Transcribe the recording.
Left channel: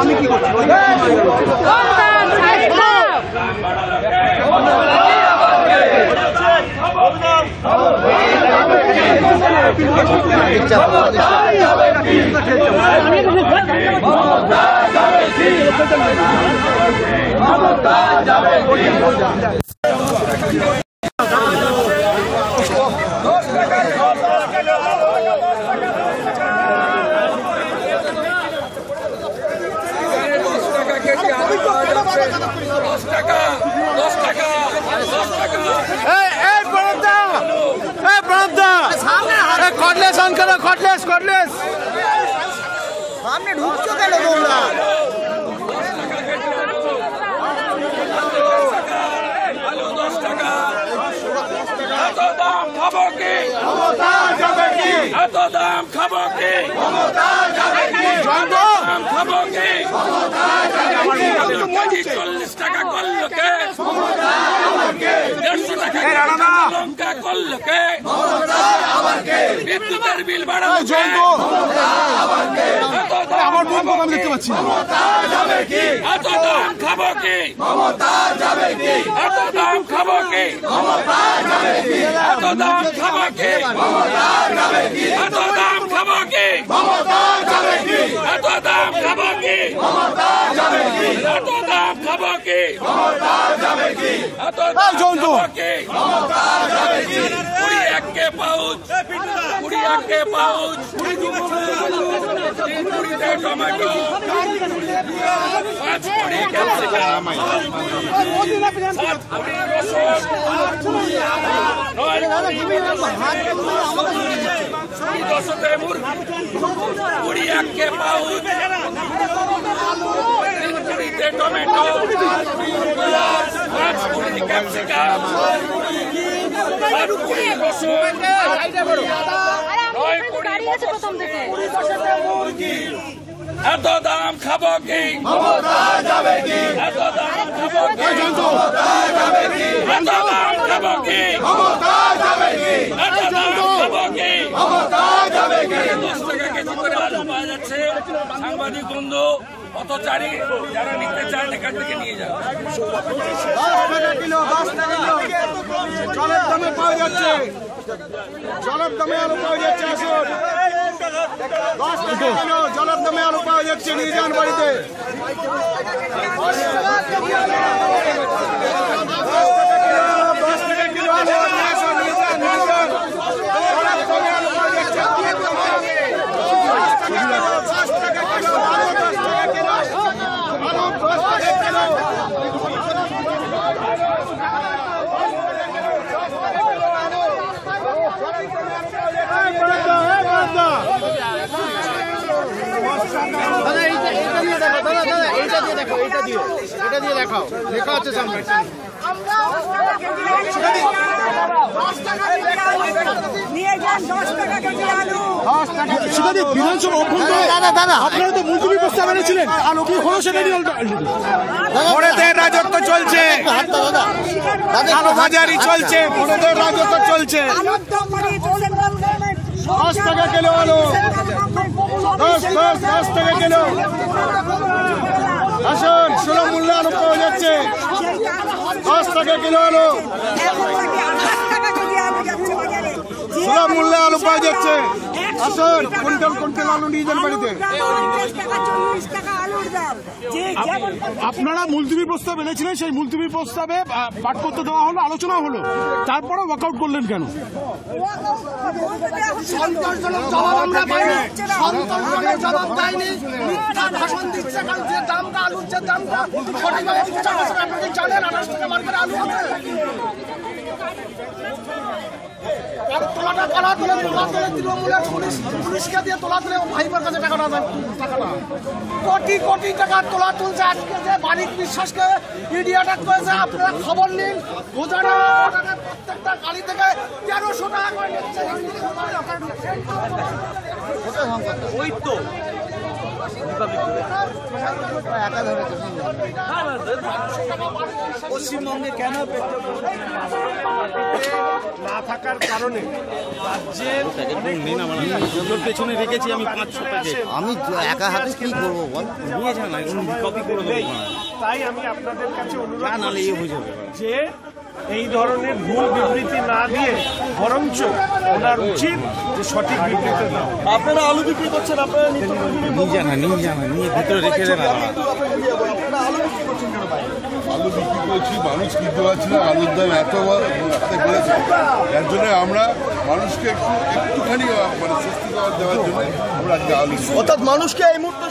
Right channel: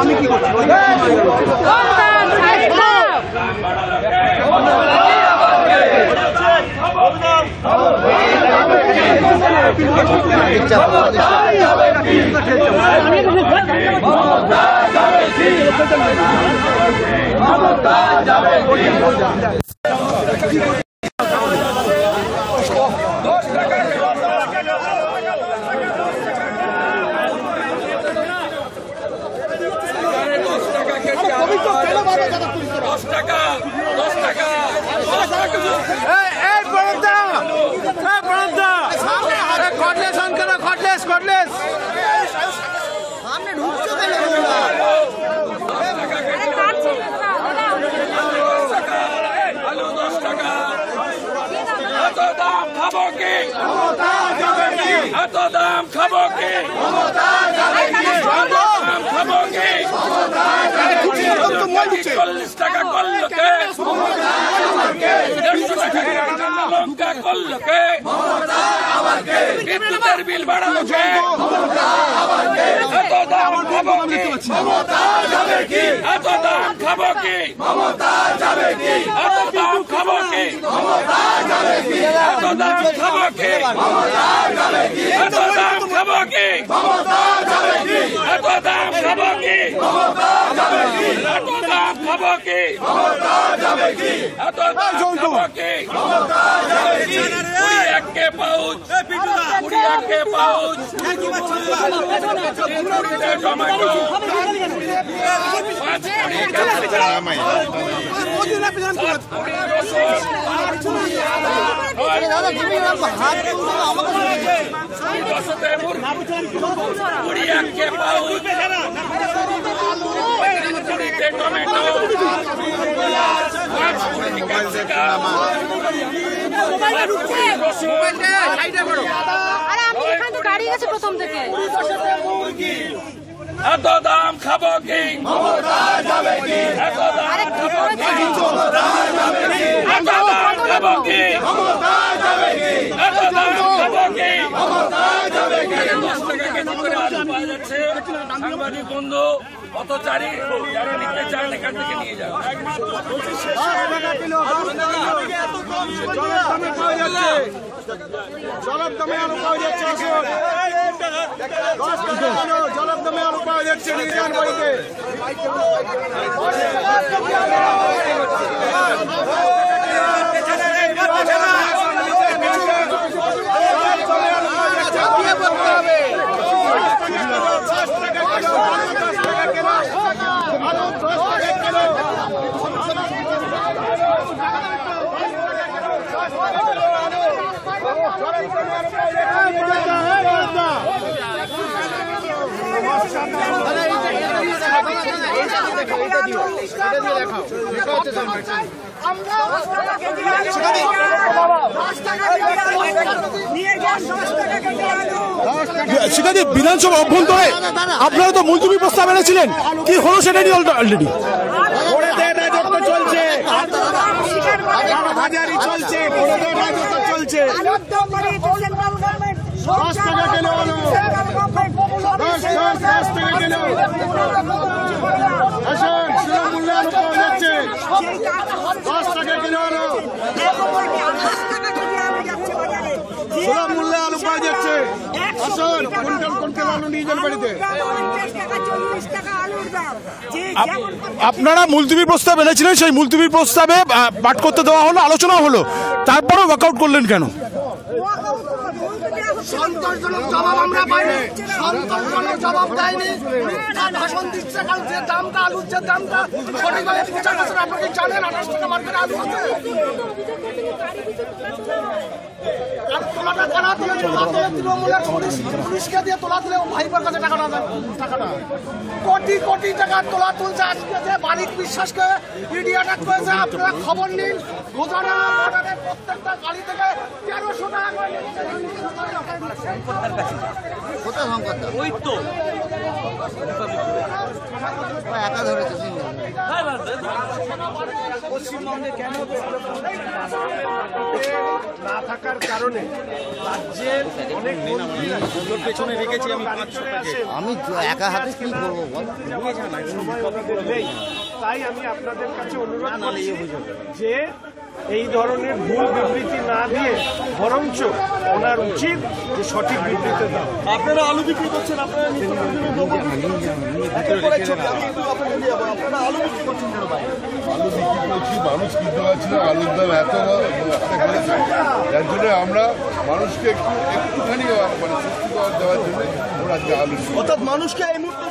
আমি কি করছি সামনে ঢুকছো কেন তোমরা? আলু 10 টাকা। এত দাম খাবো কি? এত দাম খাবো কি? এত দাম খাবো কি? আলুর কেজি 40 টাকা করলো কে? 150 টাকা কাঁচা লঙ্কা করলো কে? বিদ্যুতের বিল বাড়ালো কে? এত দাম খাবো কি? এত দাম খাবো কি? এত দাম খাবো কি? এত দাম খাবো কি? এত দাম খাবো কি? এত দাম খাবো কি? এত দাম খাবো কি? এত দাম খাবো কি? 21 কে পাউচ, 21 কে পাউচ, 20 টমেটো, 5 কোটি ক্যাপসিকাম, 7 কোটি রসুন, 10 মুরগি, 21 কে পাউচ, 20 টমেটো, 5 কোটি ক্যাপসিকাম, 7 কোটি রসুন, 9 কোটি মুরগি। এত দাম খাবো কি? এত দাম খাবো কি? এত দাম খাবো কি? এত দাম খাবো কি? 10 টাকা কেজি করে আলু পাওয়া যাচ্ছে। সাংবাদিক বন্ধু পথচারী যারা নিতে চান এখান থেকে নিয়ে যান। জলের দামে আলু পাওয়া যাচ্ছে, আসুন 10 টাকা কিলো জলের দামে আলু পাওয়া যাচ্ছে, নিয়ে যান বাড়িতে। বিধানসভা অভ্যন্তরে আপনারা তো মুলতবি প্রস্তাব এনেছিলেন, কি হলো সেটা নিয়ে অলরেডি রাজত্ব চলছে, হাজারি চলছে, রাজত্ব চলছে। 10 টাকা কিলো আলু, 10 টাকা কিলো। আসুন, সুলভ মূল্যে আলু পাওয়া যাচ্ছে, 10 টাকা কিলো আলু, সুলভ মূল্যে আলু পাওয়া যাচ্ছে। আসুন, কুইন্টাল আলু নিয়ে যান বাড়িতে। আপনারা মুলতবি প্রস্তাব এনেছিলেন, সেই মুলতবি প্রস্তাবে পাঠ করতে দেওয়া হলো, আলোচনা হলো, তারপরেও ওয়াকআউট করলেন কেন? জবাব দেয়নি, ভাষণ দিচ্ছে, যে দামটা আলুর যে দামটা আপনাকে জানেন 28 টাকা মার্কেটে আলু আছে। আর তোলাটা কারা তোলে? তোলা তোলে তৃণমূলের পুলিশকে দিয়ে তোলা তুলে ভাইবার কাছে টাকাটা কোটি কোটি টাকা তোলা তুলছে। আজকে যে বারিক বিশ্বাসকে ইডি অ্যাটাক করেছে, আপনারা খবর নিন। গোজারা প্রত্যেকটা গাড়ি থেকে 1300 টাকা করে নিচ্ছে। ওই তো পাবলিক ধরে একা ধরেছে পশ্চিমবঙ্গে কেন না থাকার কারণে রাজ্যের অনেক মন্ত্রীরা পেছনে রেখেছি আমি একা হাতে কি করবো বল সময় ওনাদের নেই। তাই আমি আপনাদের কাছে অনুরোধ করছি যে এই ধরনের ভুল বিবৃতি না দিয়ে বরঞ্চ ওনার উচিত যে সঠিক বিবৃতি দাও। আপনারা আলু বিক্রি করছেন, আপনারা আলু বিক্রি করছি, মানুষ কিনতে পারছি না, আলুর দাম এত হাতে বেড়েছে, যার জন্য আমরা মানুষকে একটুখানি মানে স্বস্তি দেওয়ার জন্য আমরা আজকে আলু অর্থাৎ মানুষকে এই মুহূর্তে